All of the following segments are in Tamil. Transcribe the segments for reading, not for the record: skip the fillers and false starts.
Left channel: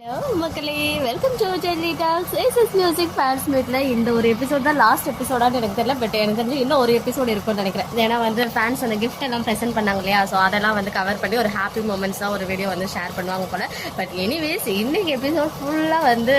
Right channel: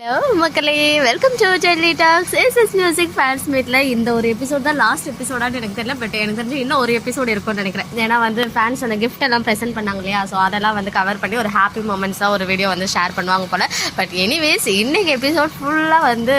ஹலோ மக்களே, welcome to Jelly Talks. SS music fans மீட்ல இந்த ஒரு எபிசோட் தான் லாஸ்ட் எபிசோடான்னு எனக்கு தெரியல. பட் எனக்கு தெரிஞ்சு இன்னும் ஒரு எபிசோட் இருக்கும்னு நினைக்கிறேன். ஏன்னா வந்து ஃபேன்ஸ் அந்த கிஃப்ட் எல்லாம் ப்ரெசென்ட் பண்ணாங்க இல்லையா, ஸோ அதெல்லாம் வந்து கவர் பண்ணி ஒரு ஹாப்பி மூமெண்ட்ஸாக ஒரு வீடியோ வந்து ஷேர் பண்ணுவாங்க போல. பட் எனிவேஸ் இன்னைக்கு எபிசோட் ஃபுல்லாக வந்து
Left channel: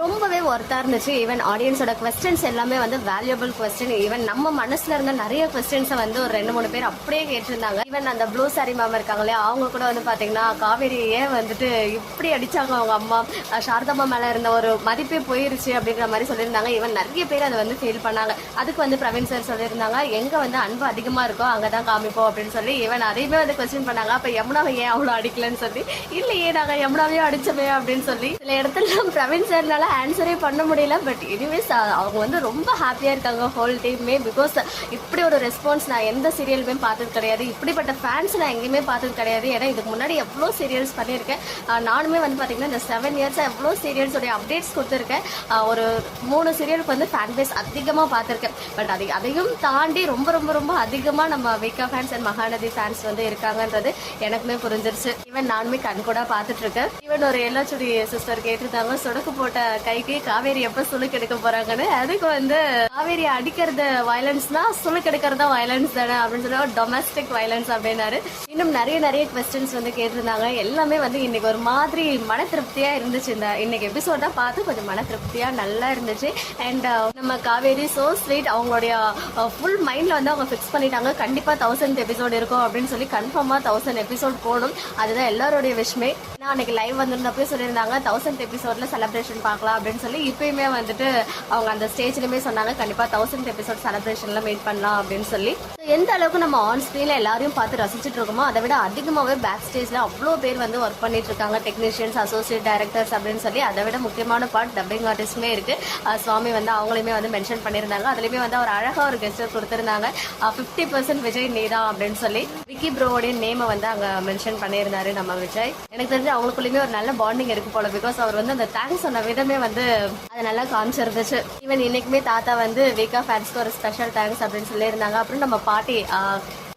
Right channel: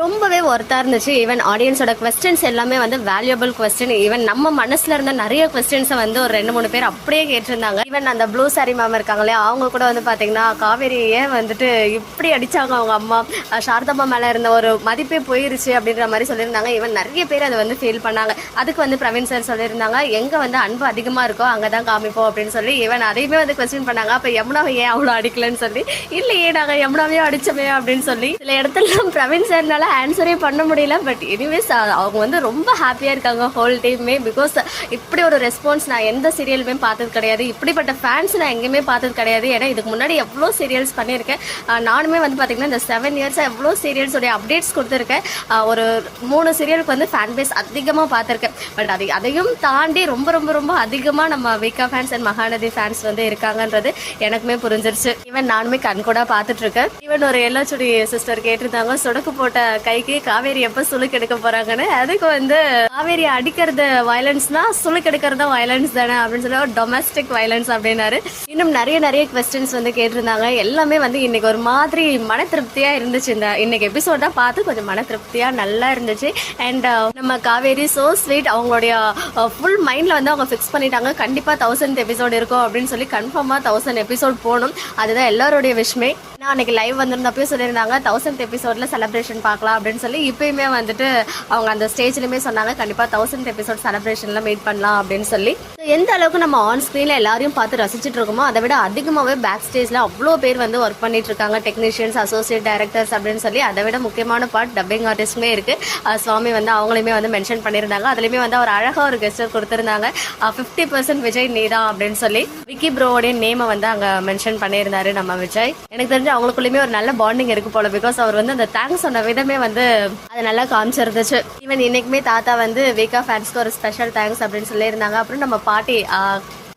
ரொம்பவே ஒர்த்தாக இருந்துச்சு. ஈவன் ஆடியன்ஸோட கொஸ்டின்ஸ் எல்லாமே வந்து வேல்யூபிள் கொஸ்டின். ஈவன் நம்ம மனசில் இருந்த நிறைய கொஸ்டின்ஸை வந்து ஒரு 2-3 பேர் அப்படியே கேட்டிருந்தாங்க. ஈவன் அந்த ப்ளூ சாரி மேம் இருக்காங்களே, அவங்க கூட வந்து பார்த்தீங்கன்னா காவேரியே வந்துட்டு இப்படி அடித்தாங்க அவங்க அம்மா, சாரதாம்மா மேலே இருந்த ஒரு மதிப்பே போயிருச்சு அப்படின்ற மாதிரி சொல்லியிருந்தாங்க. ஈவன் நிறைய பேர் அதை வந்து ஃபீல் பண்ணாங்க. அதுக்கு வந்து பிரவீன் சார் சொல்லியிருந்தாங்க, எங்கே வந்து அன்பு அதிகமாக இருக்கோ அங்கே தான் காமிப்போம் அப்படின்னு சொல்லி. ஈவன் அதையுமே வந்து கொஸ்டின் பண்ணாங்க, அப்போ யமுனாவை ஏன் அவ்வளோ அடிக்கலன்னு சொல்லி. இல்லையே நாங்கள் யமுனாவே அடிச்சோமே அப்படின்னு சொல்லி சில இடத்துல பிரவீன் சார்னால ஆன்சரே பண்ண முடியல. பட் எனிவேஸ் அவங்க வந்து ரொம்ப ஹாப்பியாக இருக்காங்க ஹோல் டீமே. பிகாஸ் இப்படி ஒரு ரெஸ்பான்ஸ் நான் எந்த சீரியலுமே பார்த்தது கிடையாது, இப்படிப்பட்ட ஃபேன்ஸ் நான் எங்கேயுமே பார்த்தது கிடையாது. ஏன்னா இதுக்கு முன்னாடி எவ்வளோ சீரியல்ஸ் பண்ணியிருக்கேன். நானுமே வந்து பார்த்தீங்கன்னா இந்த 7 இயர்ஸாக எவ்வளோ சீரியல்ஸோடைய அப்டேட்ஸ் கொடுத்துருக்கேன். ஒரு 3 சீரியலுக்கு வந்து ஃபேன் பேஸ் அதிகமாக பார்த்துருக்கேன். பட் அதையும் தாண்டி ரொம்ப ரொம்ப ரொம்ப அதிகமாக நம்ம விகா ஃபேன்ஸ் அண்ட் மகாநதி ஃபேன்ஸ் வந்து இருக்காங்கன்றது எனக்குமே புரிஞ்சிருச்சு. ஈவன் நானுமே கண்கூடா பார்த்துட்டு இருக்கேன். ஈவன் ஒரு எல்லாச்சுடி சிஸ்டர் கேட்டிருந்தாங்க, சொடக்கு போட்ட கைக்கு காவேரி எப்ப சுளுக்கு எடுக்க போறாங்கன்னு. அதுக்கு வந்து காவேரி அடிக்கிறது வயலன்ஸ்னா சுளுக்கு எடுக்கிறது வயலன்ஸ் தானே அப்படின்னு சொல்லி டொமஸ்டிக் வயலன்ஸ் அப்படின்னாரு. இன்னும் நிறைய கொஸ்டின்ஸ் வந்து கேட்டிருந்தாங்க. எல்லாமே வந்து இன்னைக்கு ஒரு மாதிரி மன திருப்தியா இருந்துச்சு. இந்த இன்னைக்கு எபிசோட் தான் பார்த்து கொஞ்சம் மன திருப்தியா நல்லா இருந்துச்சு. அண்ட் நம்ம காவேரி சோ ஸ்வீட், அவங்களுடைய ஃபுல் மைண்ட்ல வந்து அவங்க ஃபிக்ஸ் பண்ணிட்டாங்க, கண்டிப்பா 1000th எபிசோட் இருக்கும் அப்படின்னு சொல்லி. கன்ஃபார்மா 1000 எபிசோட் போகணும், அதுதான் எல்லாருடைய விஷயமே. நான் அன்னைக்கு லைவ் வந்திருந்தப்போ சொல்லியிருந்தாங்க 1000th எபிசோட்ல செலிப்ரேஷன் பார்க்கலாம் அப்படின்னு சொல்லி. இப்பயுமே வந்துட்டு அவங்க அந்த ஸ்டேஜ்லயுமே சொன்னாங்க, கண்டிப்பா 1000th எபிசோட் செலிப்ரேஷன்ல மீட் பண்ணலாம் அப்படின்னு சொல்லி. எந்த அளவுக்கு நம்ம ஆன் ஸ்கிரீன்ல எல்லாரையும் பார்த்து ரசிச்சுட்டு இருக்கோமோ அதை விட அதிகமாகவே பேக் ஸ்டேஜ்ல அவ்வளோ பேர் வந்து ஒர்க் பண்ணிட்டு இருக்காங்க. டெக்னீஷியன்ஸ், அசோசியேட் டைரக்டர்ஸ் அப்படின்னு சொல்லி. அதை விட முக்கியமான பார்ட் டப்பிங் ஆர்டிஸ்ட்மே இருக்கு. சுவாமி வந்து அவங்களையுமே வந்து மென்ஷன் பண்ணியிருந்தாங்க. அதுலயுமே வந்து அவர் அழகா ஒரு கெஸ்டர் கொடுத்திருந்தாங்க, 50% விஜய் நீதா அப்படின்னு சொல்லி. விக்கி ப்ரோவோடைய நேமை வந்து அங்க மென்ஷன் பண்ணியிருந்தாரு நம்ம விஜய். எனக்கு தெரிஞ்சு அவங்களுக்குள்ளயுமே ஒரு நல்ல பாண்டிங் இருக்கு போல. பிகாஸ் அவர் வந்து அந்த தேங்க்ஸ் சொன்ன விதமே வந்து அது நல்லா காமிச்சிருந்துச்சு. ஈவன் இன்னைக்குமே தாத்தா வந்து விகா ஃபேன்ஸ்க்கு ஒரு ஸ்பெஷல் தேங்க்ஸ் அப்படின்னு சொல்லியிருந்தாங்க. அப்புறம் நம்ம பாட்டி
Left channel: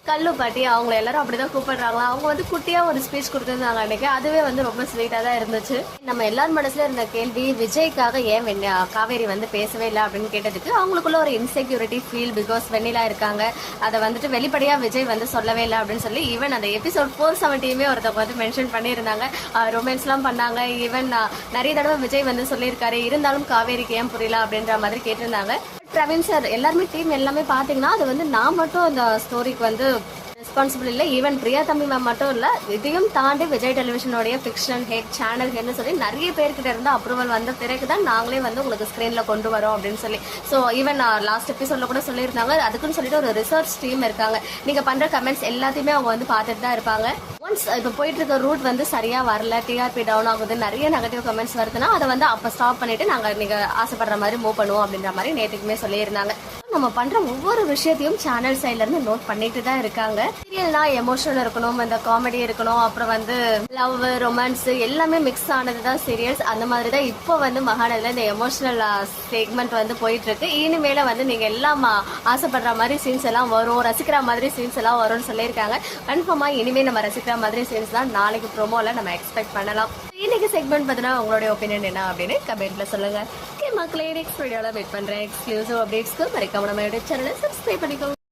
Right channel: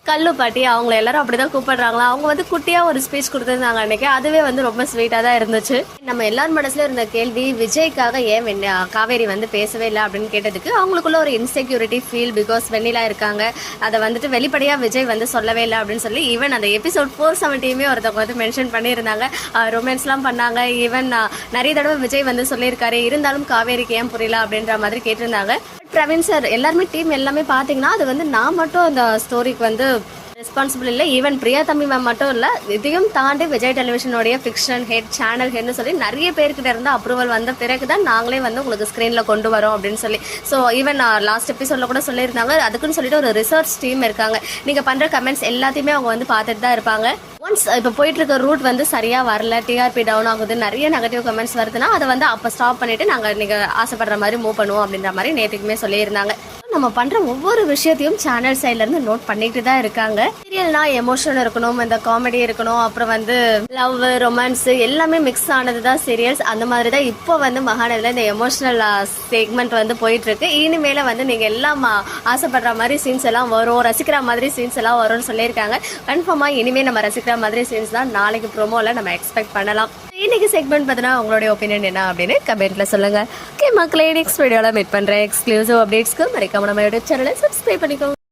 கல்லு பாட்டி, அவங்க எல்லாரும் அப்படிதான் கூப்பிடுறாங்களா. அவங்க வந்து குட்டியா ஒரு ஸ்பீச் கொடுத்திருந்தாங்க அன்னைக்கு. அதுவே வந்து ரொம்ப ஸ்வீட்டா தான் இருந்துச்சு. நம்ம எல்லாரும் மனசுல இருந்த கேள்வி, விஜய்க்காக ஏன் காவேரி வந்து பேசவே இல்லை அப்படின்னு கேட்டதுக்கு அவங்களுக்குள்ள ஒரு இன்செக்யூரிட்டி ஃபீல். பிகாஸ் வெண்ணிலா இருக்காங்க, அதை வந்துட்டு வெளிப்படையா விஜய் வந்து சொல்லவே இல்லை அப்படின்னு சொல்லி. ஈவன் அந்த எபிசோட் 470யுமே ஒருத்தவங்க வந்து மென்ஷன் பண்ணியிருந்தாங்க, ரொமான்ஸ் எல்லாம் பண்ணாங்க. ஈவன் நிறைய தடவை விஜய் வந்து சொல்லியிருக்காரு, இருந்தாலும் காவேரிக்கு ஏன் புரியல அப்படின்ற மாதிரி கேட்டிருந்தாங்க. பிரவீன் சார் எல்லாருமே டீம் எல்லாமே பாத்தீங்கன்னா அது வந்து நான் மட்டும் அந்த ஸ்டோரிக்கு வந்து ரெஸ்பான்சிபிள் இல்லை. ஈவன் பிரியா தம்பி மேம் மட்டும் இல்ல, இதையும் தாண்டி விஜய் டெலிவிஷனுடைய ஃபிக்ஷன் ஹெட், சேனல் ஹெட்னு சொல்லி நிறைய பேர்கிட்ட இருந்து அப்ரூவல் வந்த பிறகுதான் நாங்களே வந்து உங்களுக்கு ஸ்கிரீன்ல கொண்டு வரோம் அப்படின்னு சொல்லி. ஸோ ஈவன் லாஸ்ட் எபிசோட்ல கூட சொல்லியிருந்தாங்க, அதுக்குன்னு சொல்லிட்டு ஒரு ரிசர்ச் டீம் இருக்காங்க. நீங்க பண்ற கமெண்ட்ஸ் எல்லாத்தையுமே அவங்க வந்து பார்த்துட்டு தான் இருப்பாங்க. ஒன்ஸ் இப்போ போயிட்டு இருக்க ரூட் வந்து சரியா வரல, டிஆர்பி டவுன் ஆகுது, நிறைய நெகட்டிவ் கமெண்ட்ஸ் வருதுன்னா அதை வந்து அப்போ ஸ்டாப் பண்ணிட்டு நாங்கள் நீங்க ஆசைப்படுற மாதிரி மூவ் பண்ணுவோம் அப்படின்ற மாதிரி நேற்றுக்குமே சொல்லியிருந்தாங்க. நம்ம பண்ற ஒவ்வொரு விஷயத்தையும் சேனல் சைட்ல இருந்து நோட் பண்ணிட்டு தான் இருக்காங்க. சீரியல்னா எமோஷனல் இருக்கணும், இந்த காமெடி இருக்கணும், அப்புறம் வந்து லவ், ரொமான்ஸ் எல்லாமே மிக்ஸ் ஆனதுதான் சீரியல்ஸ். அந்த மாதிரி தான் இப்போ வந்து மகாநதியில இந்த எமோஷனல் செக்மெண்ட் வந்து போயிட்டு இருக்கு. இனிமேல வந்து நீங்க எல்லாம் ஆசைப்படுற மாதிரி சீன்ஸ் எல்லாம் வரும், ரசிக்கிற மாதிரி சீன்ஸ் எல்லாம் வரும்னு சொல்லியிருக்காங்க. கன்ஃபார்மா இனிமே நம்ம ரசிக்கிற மாதிரி சீன்ஸ் தான் நாளைக்கு ப்ரோமோல நம்ம எக்ஸ்பெக்ட் பண்ணலாம். இன்னைக்கு செக்மெண்ட் பார்த்தீங்கன்னா உங்களுடைய ஒப்பீனியன் என்ன அப்படின்னு கமெண்ட்ல சொல்லுங்க. ஓகே மக்களே, நெக்ஸ்ட் வீடியோல மீட் பண்றேன். எக்ஸ்க்ளூசிவ் அப்டேட்ஸ்க்கு மறக்காம நம்ம யூடியூப் சேனலை சப்ஸ்கிரைப் பண்ணிக்கோங்க.